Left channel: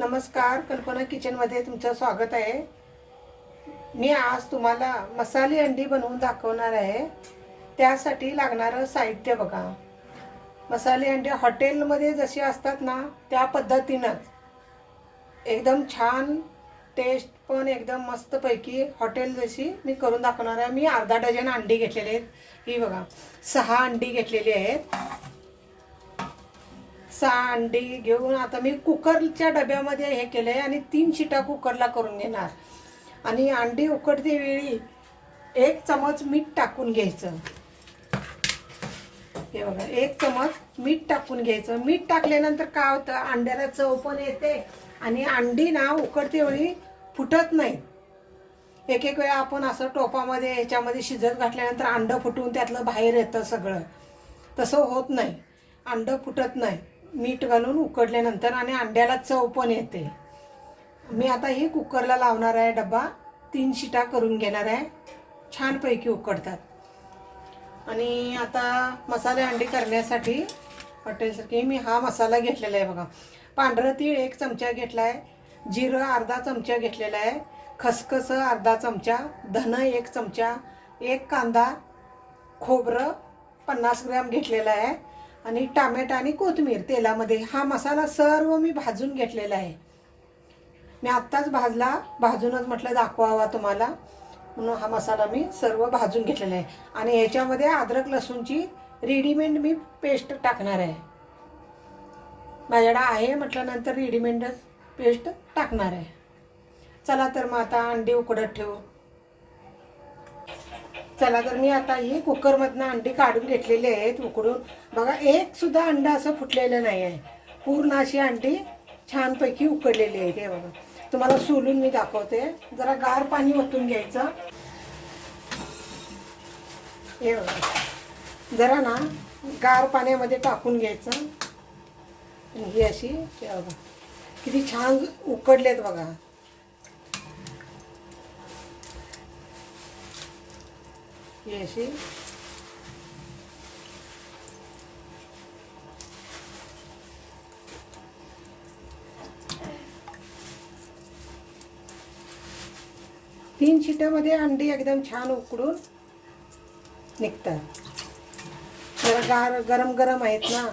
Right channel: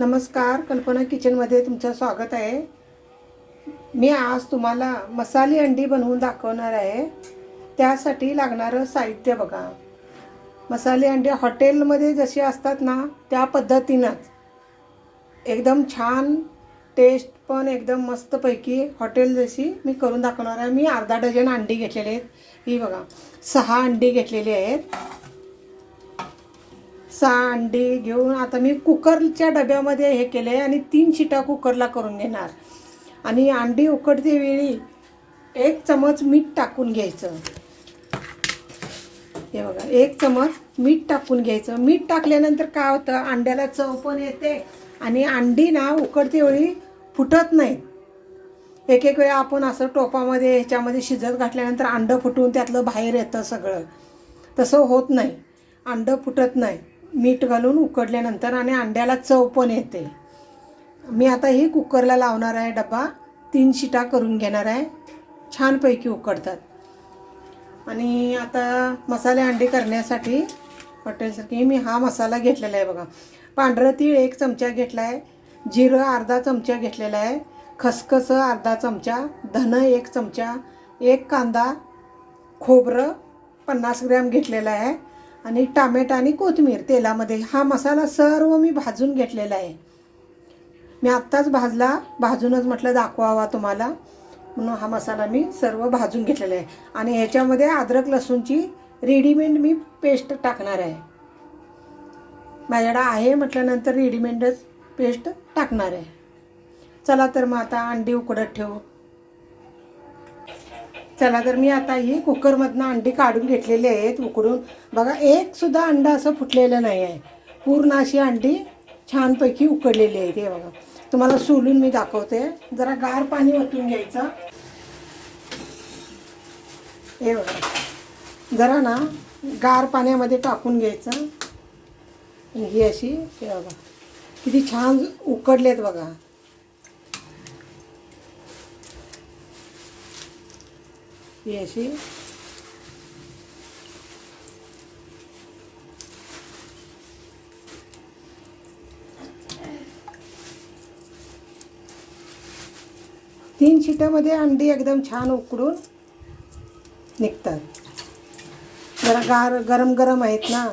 नमस्कार कल्पना किचनमध्ये तुमचं स्वागत आहे. मी आज तुम्हाला मसाले अंडी बनवून दाखवणार आहे. त्यासाठी लागणारं साहित्य बघा. मसाले अंडे हॉटेलमध्ये जसे असतात ना त्या पद्धतीनंच. एकदम छान टेस्ट पण एकदम मस्तपैकी हॉटेल जशी मी करून दाखवणार आहे. मी अर्धा डझन अंडी घेतलेली आहेत. ही बघा सहा अंडी घेतलेली आहेत. सहा अंडी घेऊन आता मी कुकरच्या डब्यामध्ये हे केलं आहे आणि तीन शिटा कुकरला करून घेणार. आणि अंडी उकडते वेळी एक चमच मीठ टाकून घ्यायचं. हे बघा एक चमच मीठ टाकून घ्यायचं. मीठ टाकल्यानंतर काय होतं अंड्याला चव पण येते आणि अंडी ना उकडते वेळी फुटत नाही. एक एक वेळा आपण असं टोपामध्ये ह्याच्यामध्ये शिजत घातल्यानंतर अंडं फुटून त्यातलं बाहेर येतं सगळं. तसं होत नाही. अंडं फुटत नाही. मीठ घालून उकडल्यानंतर आणि अंड्याला चव पण येते. मी आता ही कुकरला लावणार आहे डब्बा. तीन शिटा करून घेणार आहे. छानपैकी उकडतात. आणि आता मसाले अंडी करण्यासाठी हॉटेलसाठी मी हा मसाला घेतलेला आहे बघा. पांढरं तीळ एक चमचा घेतला आहे. जिरं अर्धा चमचा घेतलेला आहे. खसखस अर्धा चमचा. धन एक चमचा. एक कांदा. खोबरं पन्नास ग्रॅम घेतलेला आहे. आणि टामॅटो आणि कोथिंबीर तेलामध्ये हा मसाला सर्व मी भाजून घेतलेला आहे. मी आत्ताच भाजला भाजूनच म्हटलं दाखवावा तुम्हाला. म्हणून हा मसाला मी सर्व भाजून घेतलेला आहे. आणि याच्यामध्ये अद्रक लसूणची रेडीमेड मी पेस्ट टाकणार आहे. माझ्याकडे आहे म्हटल्यानंतर रेडीमेडच पेस्ट टाकणार आहे. चला तर मग आता अंडी उकडत ठेवू. चला तर मी आता ही कुकरमधनं अंडी काढून घेतलेली आहेत उकडून. बघा एक सुद्धा अंडा असं फुटलेलं नाही आहे पूर्ण अशी अंडी छानपैकी उकडलेली आहे ते बघा. तुम्हाला सोलून मी दाखवते. जरा गार पाणी ओतून घ्यायचं. हे बघा. जरा ना गार पाण्यामध्ये टाकून घ्यायचं. आणि ही अशी हे बघा. किती छान उकडलेत बघा. ही अशी. तीन शिट्यामध्ये अंडी एकदम छान उकडून निघतात. जरा गार गरम गरम आहेत ना.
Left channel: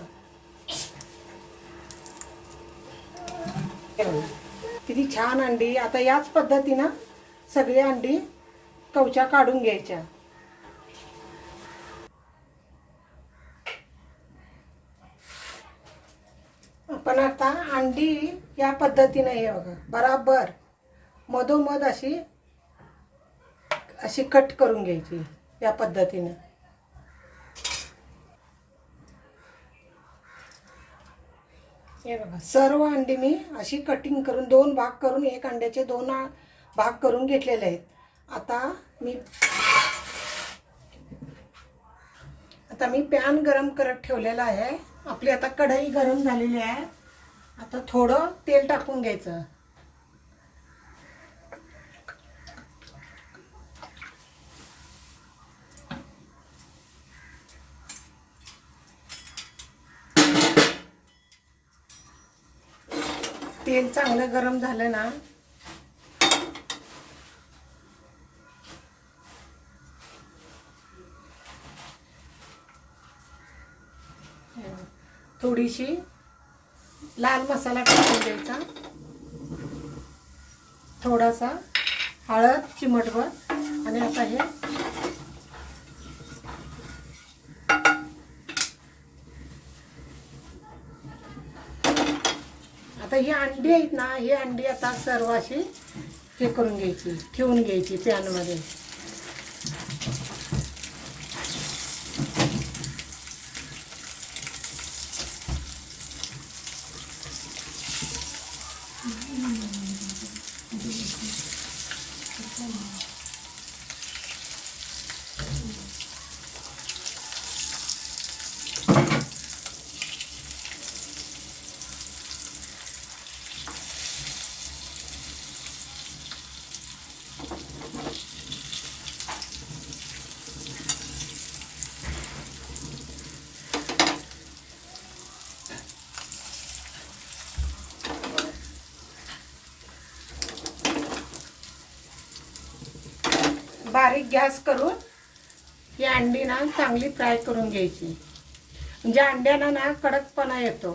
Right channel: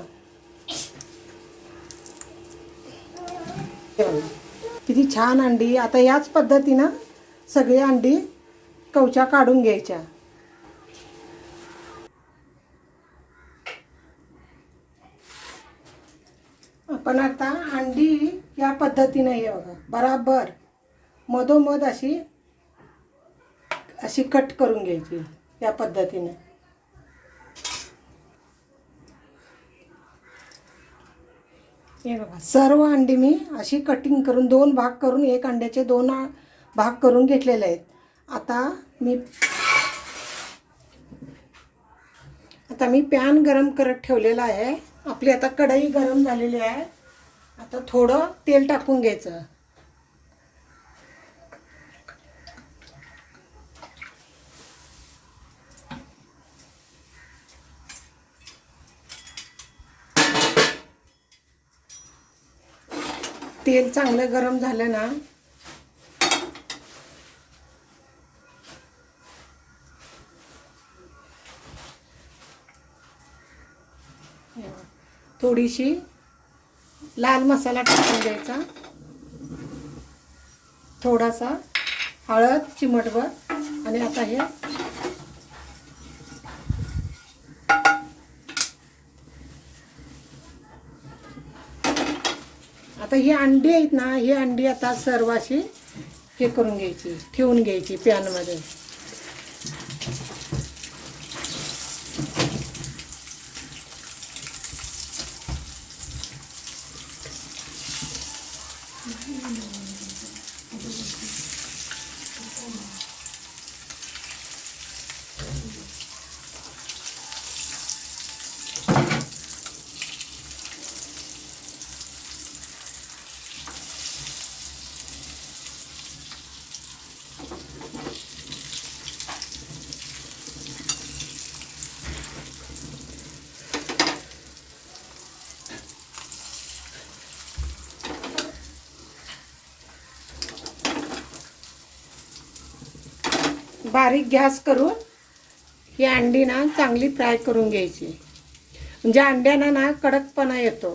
किती छान अंडी. आता याच पद्धतीनं सगळी अंडी कवच्या काढून घ्यायच्या. आपण आता अंडी या पद्धतीनं हे बघा बराबर. मधोमध अशी अशी कट करून घ्यायची या पद्धतीनं. हे बघा सर्व अंडी मी अशी कटिंग करून दोन भाग करून एक अंड्याचे दोन भाग करून घेतलेले आहेत. आता मी आता मी पॅन गरम करत ठेवलेला आहे. आपली आता कढई गरम झालेली आहे. आता थोडं तेल टाकून घ्यायचं. तेल चांगलं गरम झालं ना थोडीशी लाल मसाला टाकून द्यायचा. थोडासा हळद चिमटभर आणि आता हे आता ही अंडी आहेत ना ही अंडी आता सर्व अशी हे करून घ्यायची ठेवून घ्यायची पॅनमध्ये. बारीक गॅस करून ही अंडी ना चांगली फ्राय करून घ्यायची. म्हणजे अंड्याना ना कडकपणा येतो.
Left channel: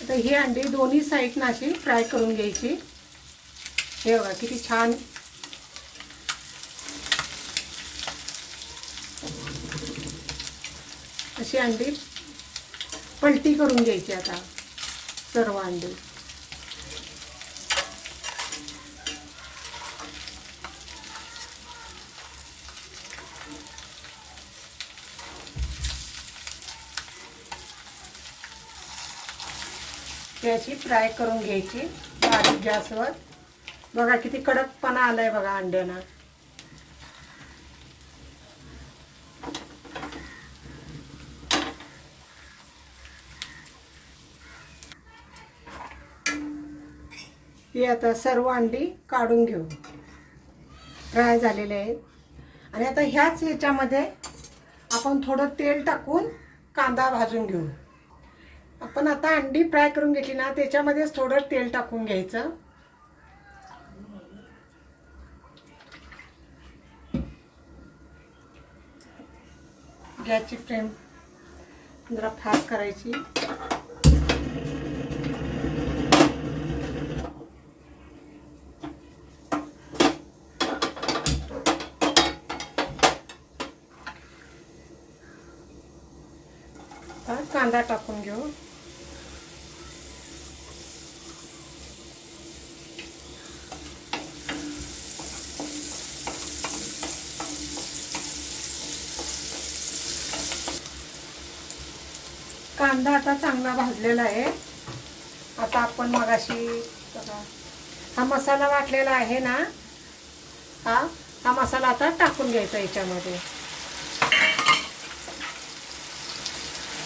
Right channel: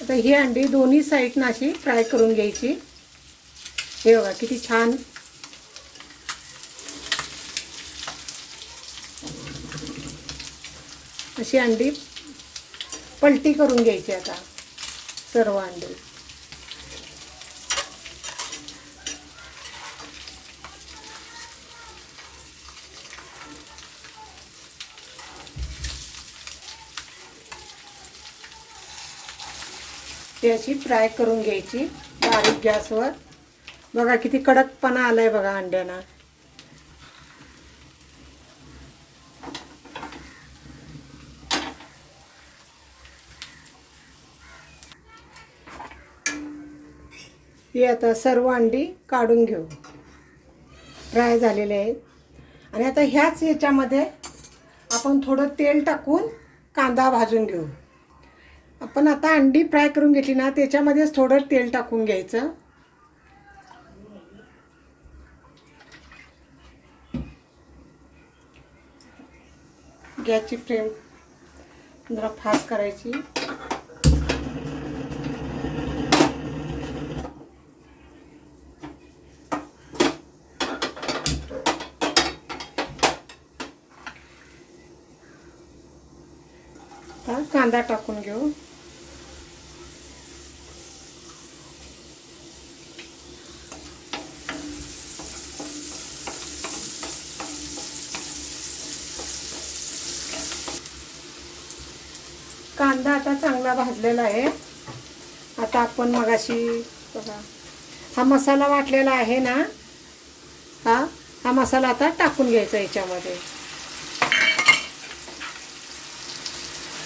आता ही अंडी दोन्ही साईडनं अशी फ्राय करून घ्यायची. हे बघा किती छान अशी अंडी पलटी करून घ्यायची आता सर्व अंडी. ती अशी फ्राय करून घ्यायची बारीक गॅसवर. बघा किती कडकपणा आलाय बघा अंड्यांना. ही आता सर्व अंडी काढून घेऊ. फ्राय झालेले आहेत. आणि आता ह्याच ह्याच्यामध्ये आपण थोडं तेल टाकून कांदा भाजून घेऊ. आपण आता अंडी फ्राय करून घेतली ना त्याच्यामध्येच थोडं तेल टाकून घ्यायचं. गॅसची फ्लेम जरा फास्ट करायची आता कांदा टाकून घेऊ. कांदा आता चांगला भाजलेला आहे. आता आपण मगाशी बघा हा मसाला वाटलेला आहे ना? हा? हा मसाला आता टाकून घ्यायचा याच्यामध्ये.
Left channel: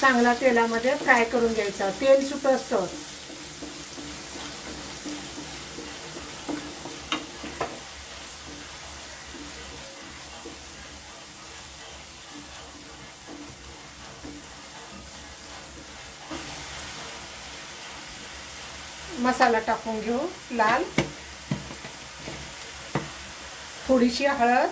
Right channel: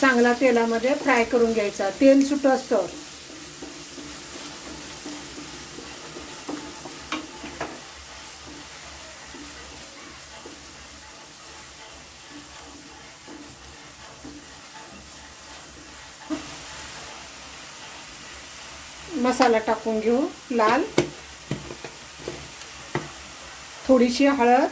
चांगला तेलामध्ये फ्राय करून घ्यायचा. तेल सुट असतं. मसाला टाकून घेऊ लाल. थोडीशी हळद.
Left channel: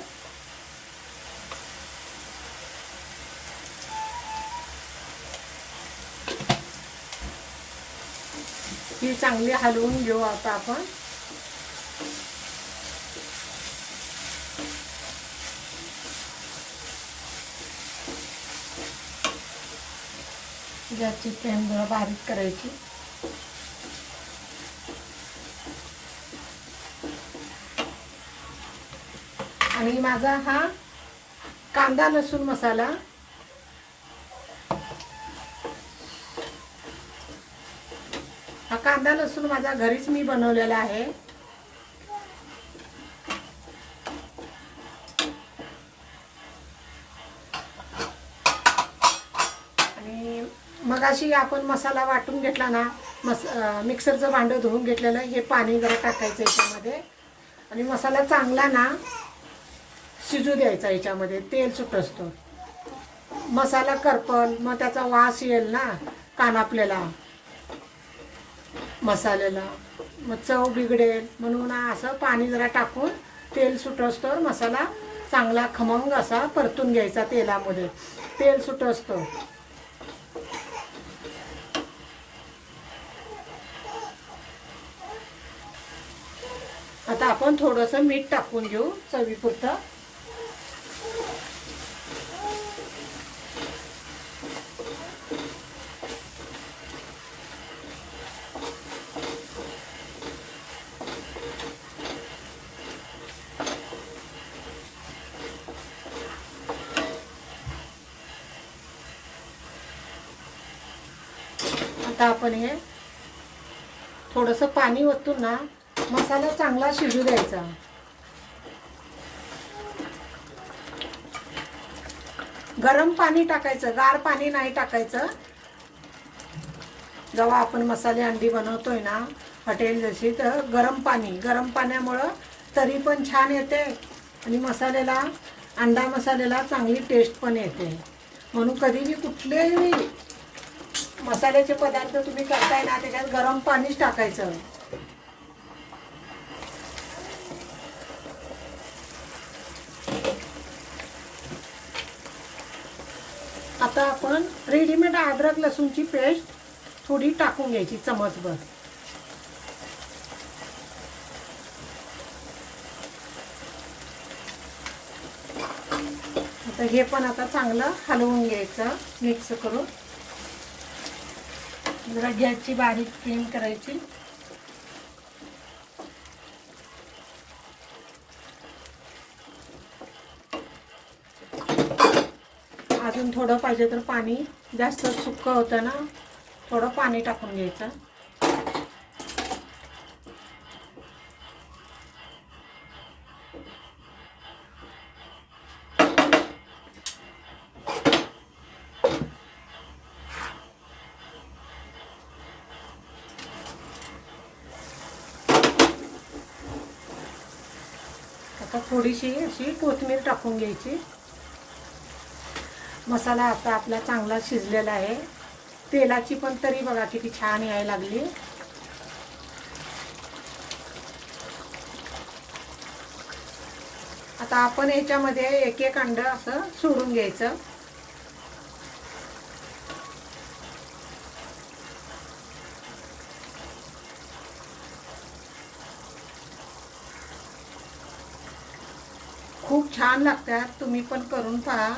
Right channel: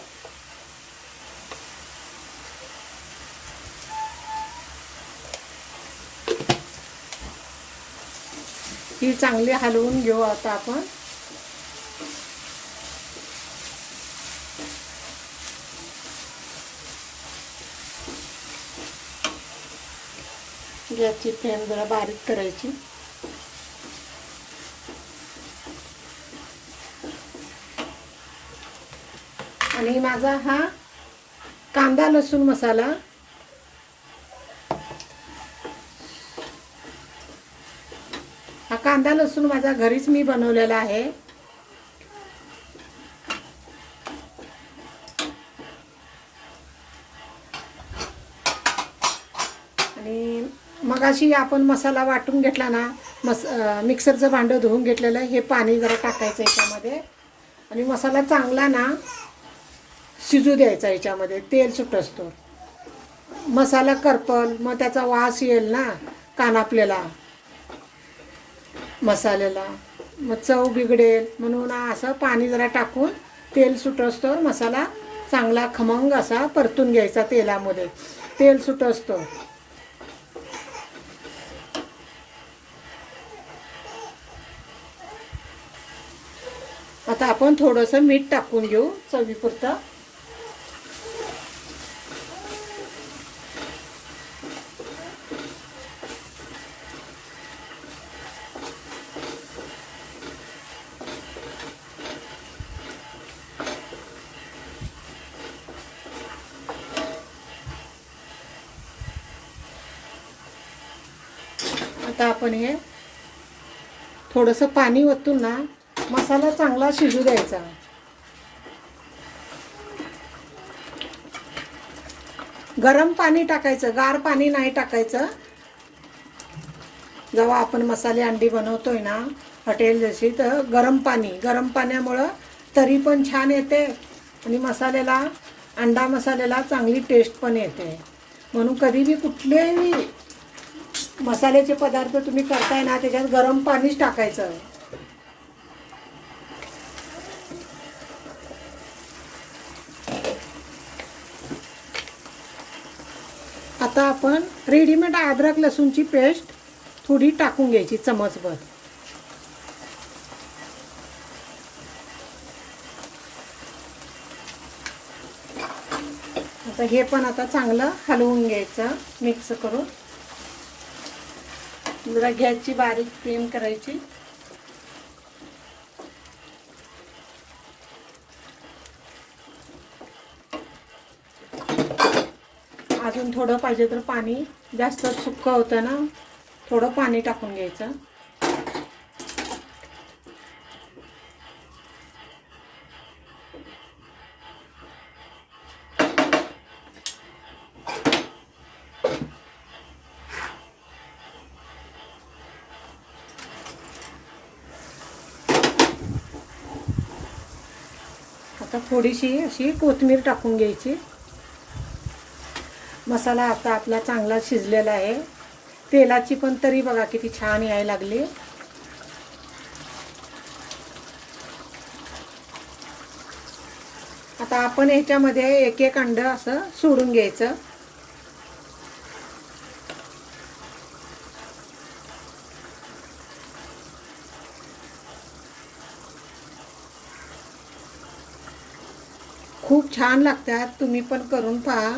ही चांगली हलवून घेऊ आता आपण. याची फ्लेम जरा बारीक करायची. आणि माझा हा कांदा लसूण मसाला कांदा लसूण माझा घरीच मी बनवलेला आहे. आणि मगाशी आपण मसाला वाटून घेतला ना मस मिक्सरचं भांडं धुवून घेतलेलं हे पाणी जरा टाकायचं याच्यामध्ये. आणि मसाला चांगला ना शिजू द्यायचा याच्यामध्ये तेल सुट असतो. मसाला करपल मग त्याचा वास येईल ना कानापलेला मसाल्याला. मग चव बिघडेल म्हणून असं पाणी जरा टाकून तेल सुटोस्तोवर मसाला चांगला खमंग असा परतून घ्यायचा तेलामध्ये. तेल सुटोस्तो आता आपण थोडंसं मीठ टाकून घेऊ चवीपुरतं. आता आपण हे थोडंसं पाणी ओतून ना मसाला चांगला शिजू द्यायचा. गरम पाणी टाकायचं गार पाणी नाही टाकायचं. जेव्हा आपण मसाले अंडी बनवतोय ना हॉटेल जशी तर गरम पाणी गरम पाण्यामुळं तरी पण छान येते आणि मसाल्याला अंडा मसाल्याला चांगली टेस्ट पण येते. म्हणून कधी बी कुठलेही मसाल्याचे पदार्थ तुम्ही करताय ना त्याच्यात गरम पाणीच टाकायचं. आता आपण रेडीमेड अद्रक लसूणची पेस्ट थोडी टाकून घ्यायची चमचभर. आता हे पण आता चांगलं हलवून घ्यायचं मिक्स करून. जरा गॅसची बारीक फ्लेम करायची. अजून थोडं पाहिजे तर पाणी जास्त सुक्क होतं ना थोडं पाणी टाकून घ्यायचं. आता थोडीशी अशी कोथिंबीर टाकून घ्यायची. मसाला आता आपला चांगला शिजलेला आहे. तेलाची पण तरी बघा किती छान यायला लागली. आता आपण याच्यामध्ये एक एक अंड असं सोडून घ्यायचं. खूप छान लागतात. तुम्ही पण करून पहा.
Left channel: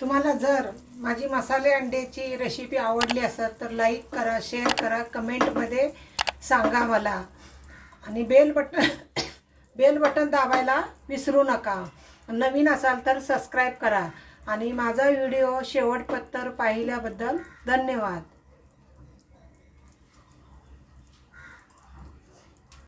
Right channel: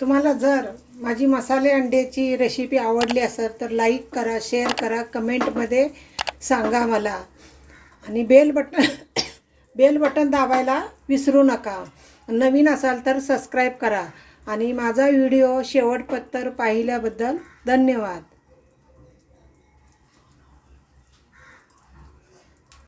तुम्हाला जर माझी मसाले अंड्याची रेसिपी आवडली असेल तर लाईक करा शेअर करा कमेंटमध्ये सांगा मला. आणि बेल बटन बेल बटन दाबायला विसरू नका. नवीन असाल तर सबस्क्राईब करा. आणि माझा व्हिडिओ शेवटपत्तर पाहिल्याबद्दल धन्यवाद.